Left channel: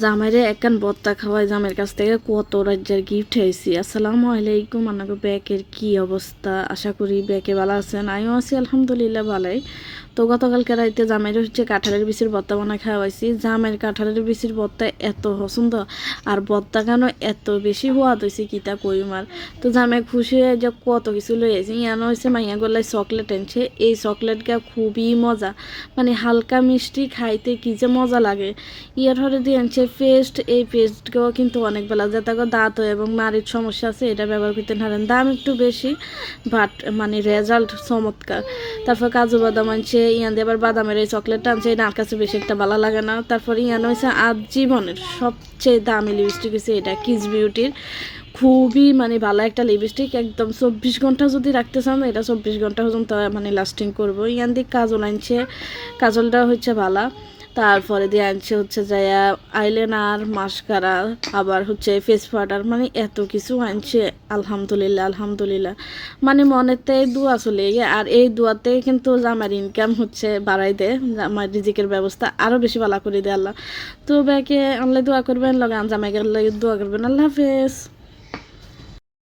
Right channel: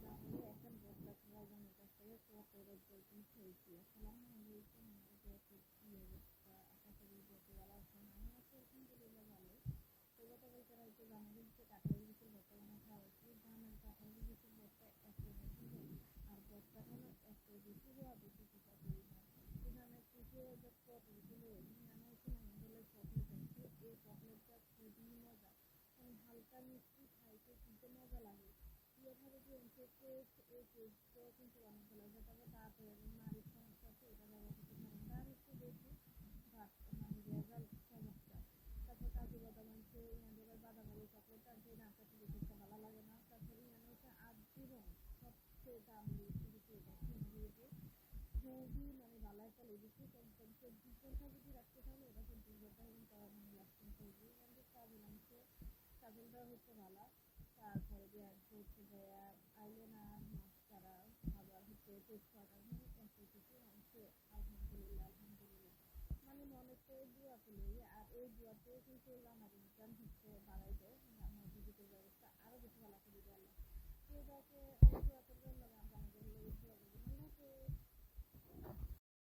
জামাইরে একখান বত্তা খাওয়াই জামের কাছ থেকে কত রাজ্যের গিফট হয়েছি। আসসালামু আলাইকুম, আপনাকে ব্যাকের কি অবস্থা? আশা করি ব্যাকে ভালো আছেন। আমিও আছি আলহামদুলিল্লাহ ভালোই। তো গতকালকে রাইতে জামাইরে কাঁঠালের বিচির ভর্তা বানা খাওয়াইছি। জামের কাঁঠালের বিচির ভর্তা এত পছন্দ, আর ভর্তা কেন এত বেশি হওয়া হয়েছে কিতা কইমার। তো জামাই খুশি হয়ে যে কত কিছু লই আইছি। ইয়ানো হয়েছে মাইয়া গলায় চকলেট এনেছে। এই চকলেটটা খুবই মজা, মানে হালকা মিষ্টি, খাইতে কি যে মজা লাগে। ইয়ার হরে দিয়ে আনছে পেস্ট। এই পেস্টকেও কিন্তু অনেক বেলা যাতে দাঁত এবং নারীর সমস্যা আছে এটা ব্যবহার করতে পারেন। দাম একটু বেশি, বাট মানে রেজাল্ট চমৎকার। তারপর কাজু বাদাম আনছে। ইয়ান দিয়ে আবার বাদামের এই চকলেটটা আনছে, এটা আমার কাছে বেশি একটা ভালো লাগে না। তারপর ইয়ান হয়েছে আজ জীবনের সবচেয়ে দামি লিপস্টিক হয়েছে এটা কিস বিউটির। খুবই মানে ভালো একটা লিপস্টিক, একদম 24 ঘন্টা যদি রাখতে চান এটা 24 ঘন্টা পর্যন্ত মানে লাস্টিং করবো। ইয়ান দিয়ে কাজল আনছে, কাজলটা হচ্ছে ভালো। তারপরে দিয়ে আনছে হচ্ছে যাইয়া আইলাইনার, মাস্কারা, আবার হচ্ছে ফেস পাউডার, মানে এত কিছু আনছে। আলহামদুলিল্লাহ আলহামদুলিল্লাহ, মানে মনেতে দোয়া চলে গিয়ে। আর এই দোয়াতে কিন্তু আমার ইনকাম হচ্ছে বাড়াই দেয়, আমার রিজিকের ব্যবস্থা আরও বেশি ভালো করে দেয় আল্লাহ। তো ব্যাকে আল্লাহ দোয়া করবেন, লগে জামাই গেলে দোয়া করবেন। আল্লাহ হাফেজ।